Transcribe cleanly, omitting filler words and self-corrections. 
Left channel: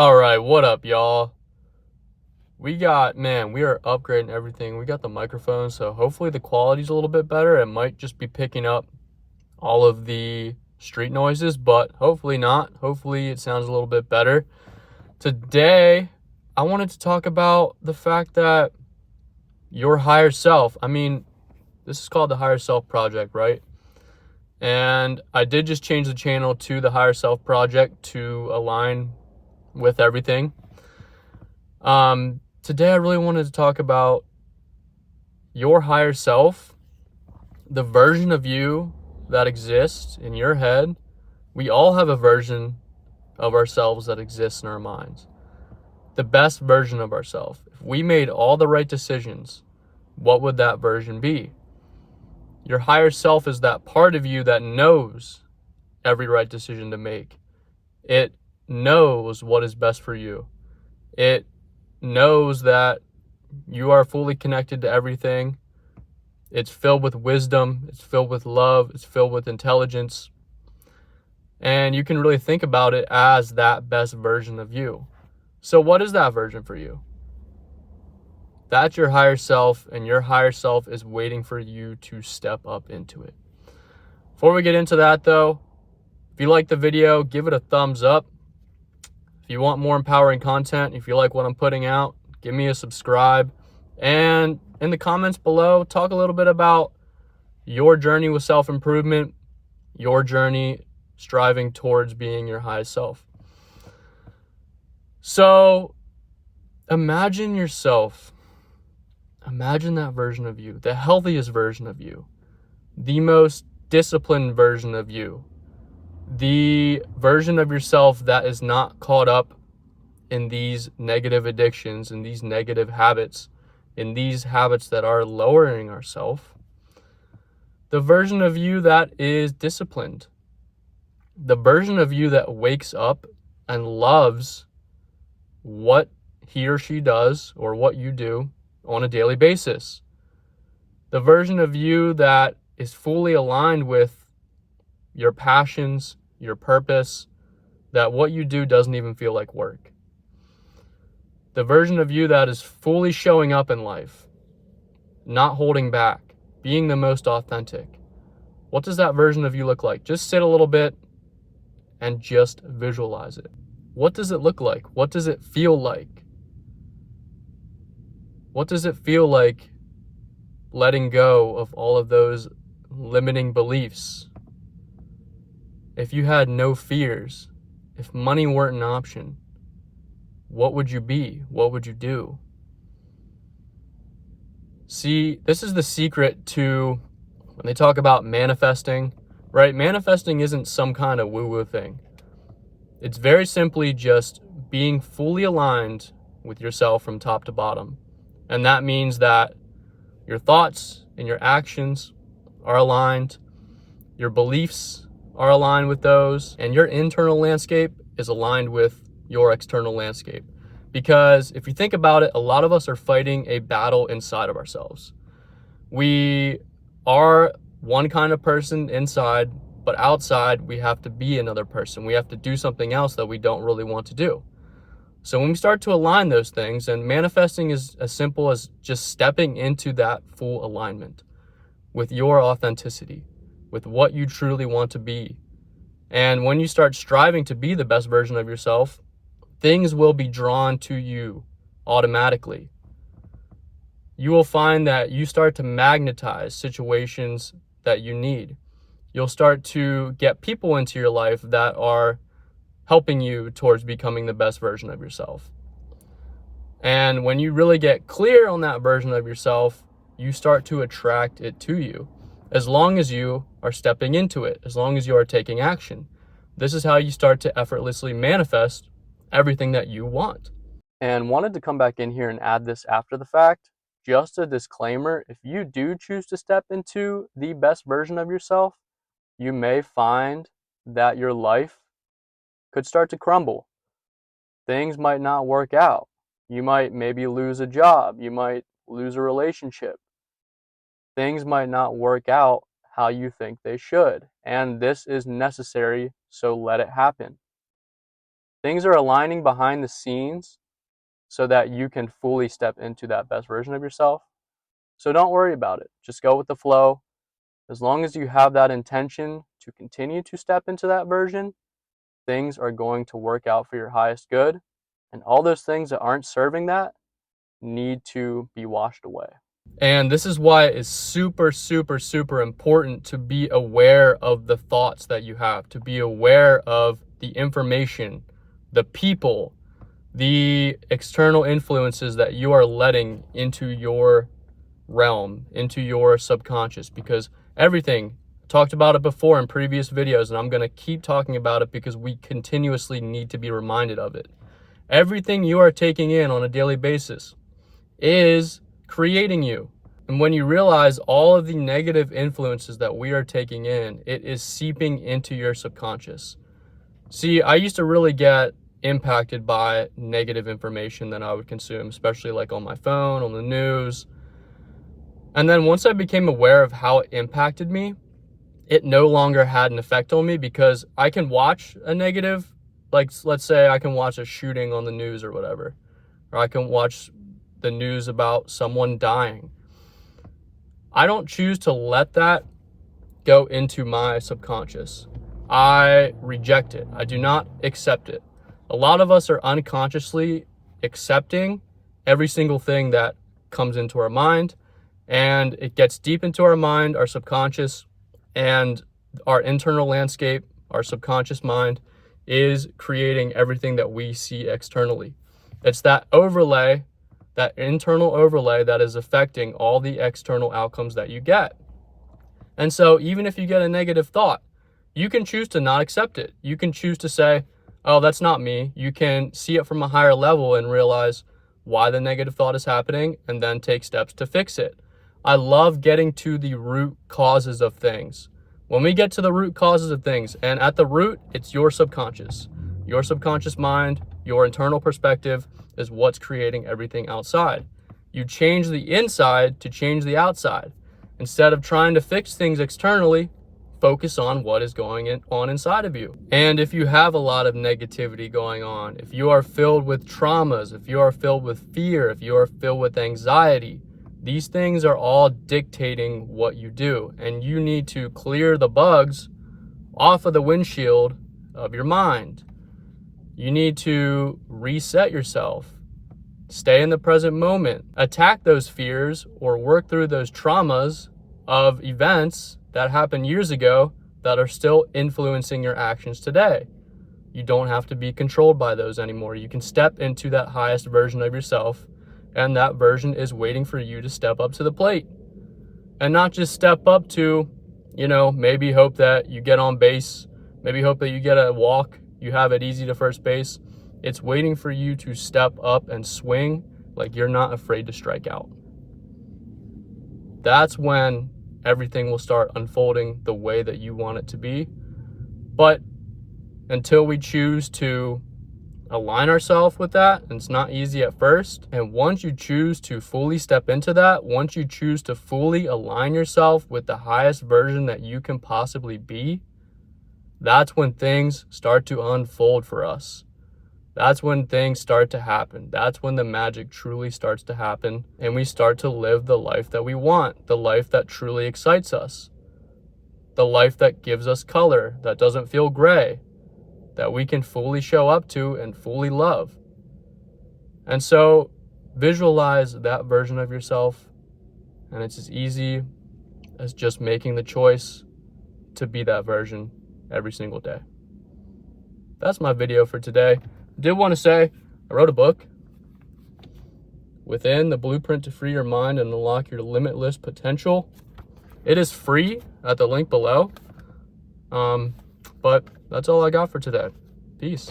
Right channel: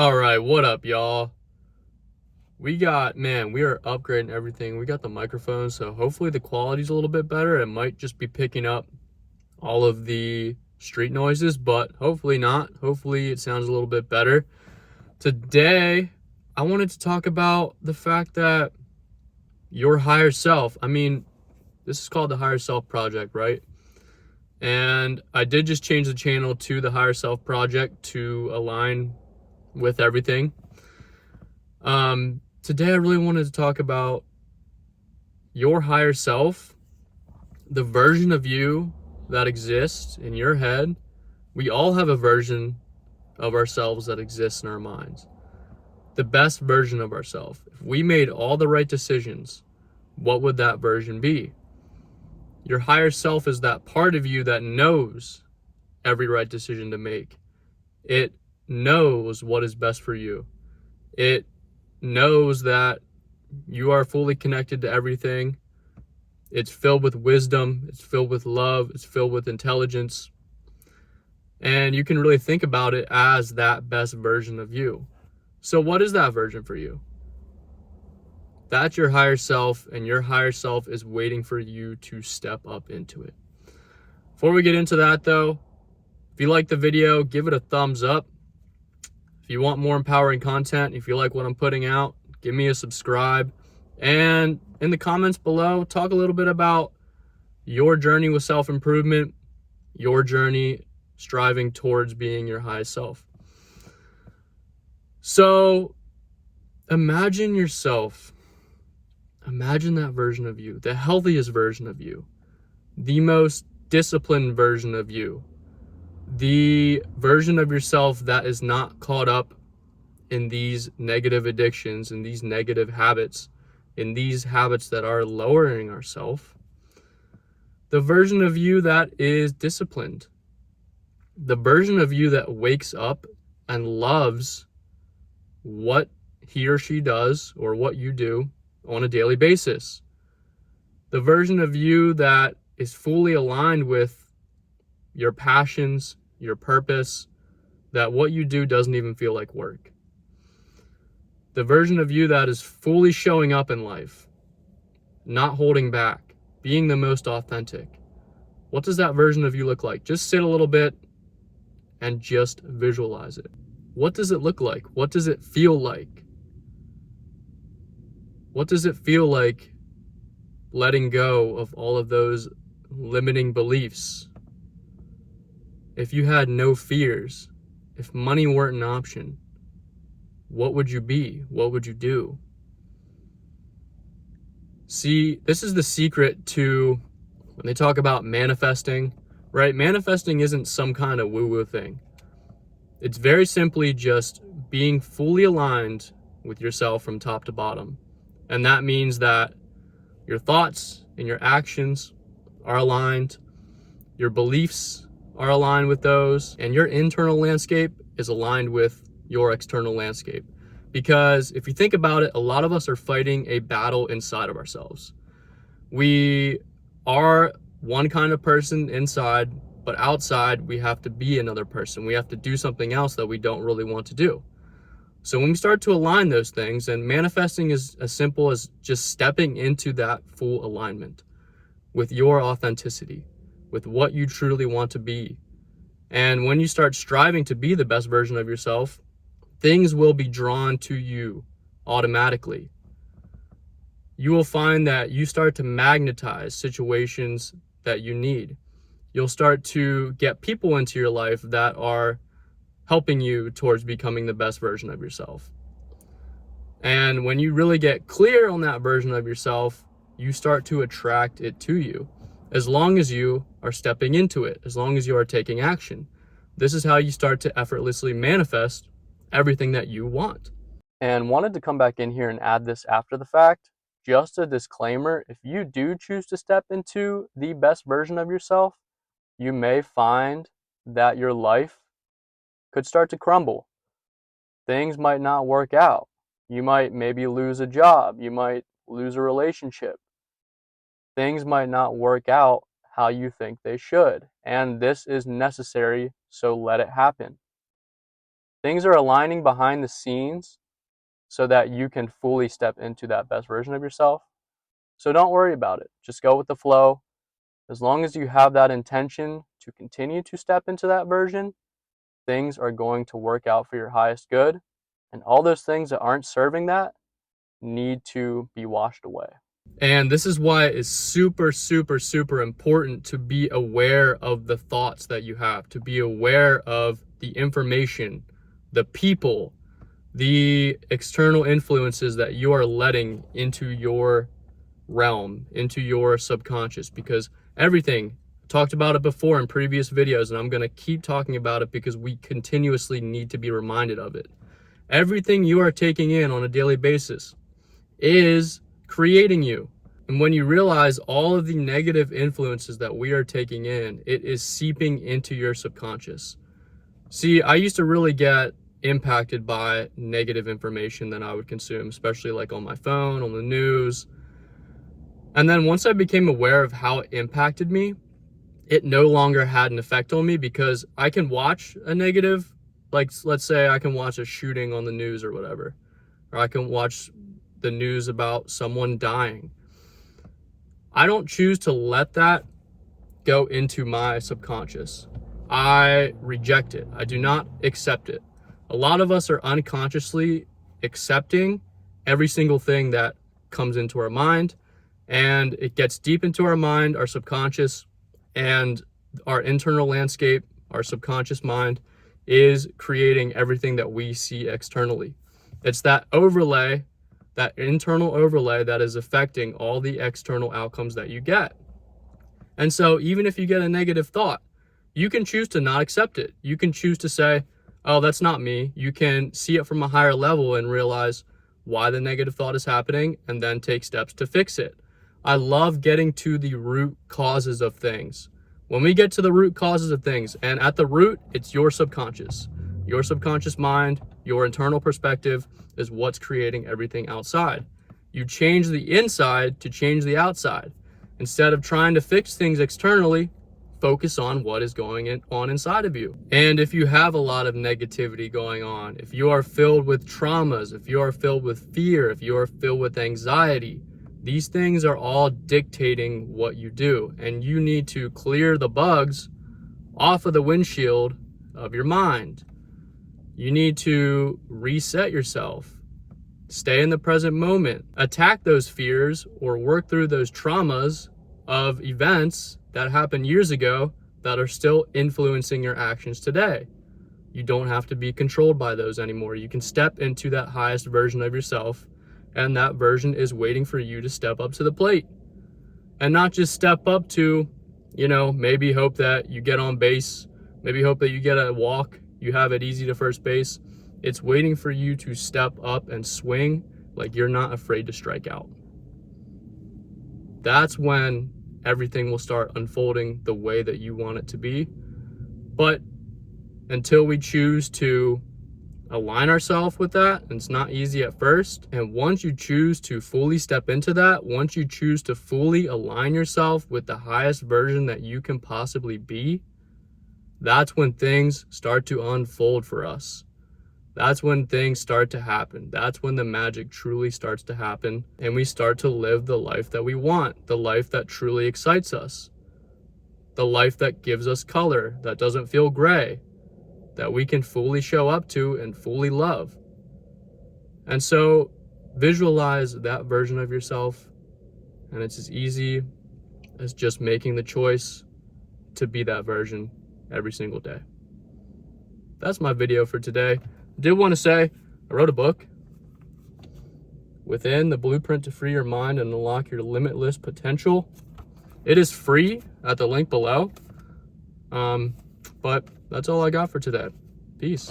All right, what up, y'all? We are upgrading everything. We got the microphone, so hopefully the quality's a little bit better. It might just be picking up all of the street noises, but hopefully not. Hopefully it sounds a little bit better. Today, I wanted to talk about the fact that your higher self, this is called the Higher Self Project, right? And I did just change the channel to the Higher Self Project to align with everything. Today I really wanted to talk about your higher self, the version of you that exists in your head. We all have a version of ourselves that exists in our minds. The best version of ourselves. If we made all the right decisions, what would that version be? Your higher self is that part of you that knows every right decision to make. It knows what is best for you. It knows that you are fully connected to everything. It's filled with wisdom, it's filled with love, it's filled with intelligence. And you can really think about it as that best version of you. So what is that version for you? That's your higher self, and your higher self is waiting for you to step up into it. Before we get into that though, if you like the video, give it a thumbs up. If you want more empowering content, if you like what I'm putting out, give me a subscribe. And in the comments below, talk a little bit about your journey with self-improvement, your journey striving towards being your highest self. So imagine yourself, imagine that version of you, the healthiest version of you, the most disciplined version of you, the version of yourself that is not caught up in these negative addictions, in these negative habits, in these habits that are lowering ourselves. The version of you that is disciplined, the version of you that wakes up and loves what he or she does or what you do on a daily basis. The version of you that is fully aligned with your passions, your purpose, that what you do doesn't even feel like work. The version of you that is fully showing up in life, not holding back, being the most authentic. What does that version of you look like? Just sit a little bit and just visualize it. What does it look like? What does it feel like? What does it feel like letting go of all of those limiting beliefs? If you had no fears, if money weren't an option, what would you be? What would you do? See, this is the secret to when they talk about manifesting, right? Manifesting isn't some kind of woo-woo thing. It's very simply just being fully aligned with yourself from top to bottom. And that means that your thoughts and your actions are aligned, your beliefs are aligned with those, and your internal landscape is aligned with your external landscape. Because if you think about it, a lot of us are fighting a battle inside of ourselves. We are one kind of person inside, but outside we have to be another person. We have to do something else that we don't really want to do. So when we start to align those things, and manifesting is as simple as just stepping into that full alignment with your authenticity, with what you truly want to be. And when you start striving to be the best version of yourself, things will be drawn to you automatically. You will find that you start to magnetize situations that you need. You'll start to get people into your life that are helping you towards becoming the best version of yourself. And when you really get clear on that version of yourself, you start to attract it to you. As long as you are stepping into it, as long as you are taking action. This is how you start to effortlessly manifest everything that you want. And wanted to come back in here and add this after the fact. Just a disclaimer, if you do choose to step into the best version of yourself, you may find that your life could start to crumble. Things might not work out. You might maybe lose a job. You might lose a relationship. Things might not work out how you think they should. And this is necessary, so let it happen. Things are aligning behind the scenes so that you can fully step into that best version of yourself. So don't worry about it. Just go with the flow. As long as you have that intention to continue to step into that version, things are going to work out for your highest good. And all those things that aren't serving that need to be washed away. And this is why it's super, super, super important to be aware of the thoughts that you have, to be aware of the information, the people, the external influences that you are letting into your realm, into your subconscious, because everything, talked about it before in previous videos, and I'm going to keep talking about it because we continuously need to be reminded of it. Everything you are taking in on a daily basis is creating you. And when you realize all of the negative influences that we are taking in, it is seeping into your subconscious. See, I used to really get impacted by negative information that I would consume, especially like on my phone, on the news. And then once I became aware of how it impacted me, it no longer had an effect on me, because I can watch a negative, like let's say I can watch a shooting on the news or whatever, or I can watch the news about someone dying. I don't choose to let that go into my subconscious. I reject it. I do not accept it. A lot of us are unconsciously accepting every single thing that comes into our mind, and it gets deep into our mind, our subconscious, and our internal landscape, our subconscious mind, is creating everything that we see externally. It's that overlay, that internal overlay, that is affecting all the external outcomes that you get. And so even if you get a negative thought, you can choose to not accept it. You can choose to say, oh, that's not me. You can see it from a higher level and realize why the negative thought is happening, and then take steps to fix it. I love getting to the root causes of things. When we get to the root causes of things, and at the root, it's your subconscious mind, your internal perspective is what's creating everything outside. You change the inside to change the outside. Instead of trying to fix things externally, focus on what is going on inside of you. And if you have a lot of negativity going on, if you are filled with traumas, if you are filled with fear, if you are filled with anxiety, these things are all dictating what you do. And you need to clear the bugs off of the windshield of your mind. You need to reset yourself. Stay in the present moment. Attack those fears or work through those traumas of events that happened years ago that are still influencing your actions today. You don't have to be controlled by those anymore. You can step into that highest version of yourself, and that version is waiting for you to step up to the plate. And not just step up to, maybe hope that you get on base, maybe hope that you get a walk, you have it easy to first base. It's waiting for you to step up and swing like you're not afraid to strike out. That's when everything will start unfolding the way that you want it to be. But until we choose to align ourselves with that, and it's not easy at first, and once you choose to fully step into that, once you choose to fully align yourself with the highest version that you can possibly be, that's when things start to unfold for us. That's when things start to happen. That's when the magic truly starts to happen, and we start to live the life that we want, the life that truly excites us, the life that gives us color, that doesn't feel gray, that we can fully show up to and fully love. And so visualize that version of yourself, and it's as easy as just making the choice to be that version every single day. That's my video for today. I did want to say, I wrote a book, Within: The Blueprint to Free Your Mind and Unlock Your Limitless Potential. It is free at the link below. But that's all I got for today. Peace.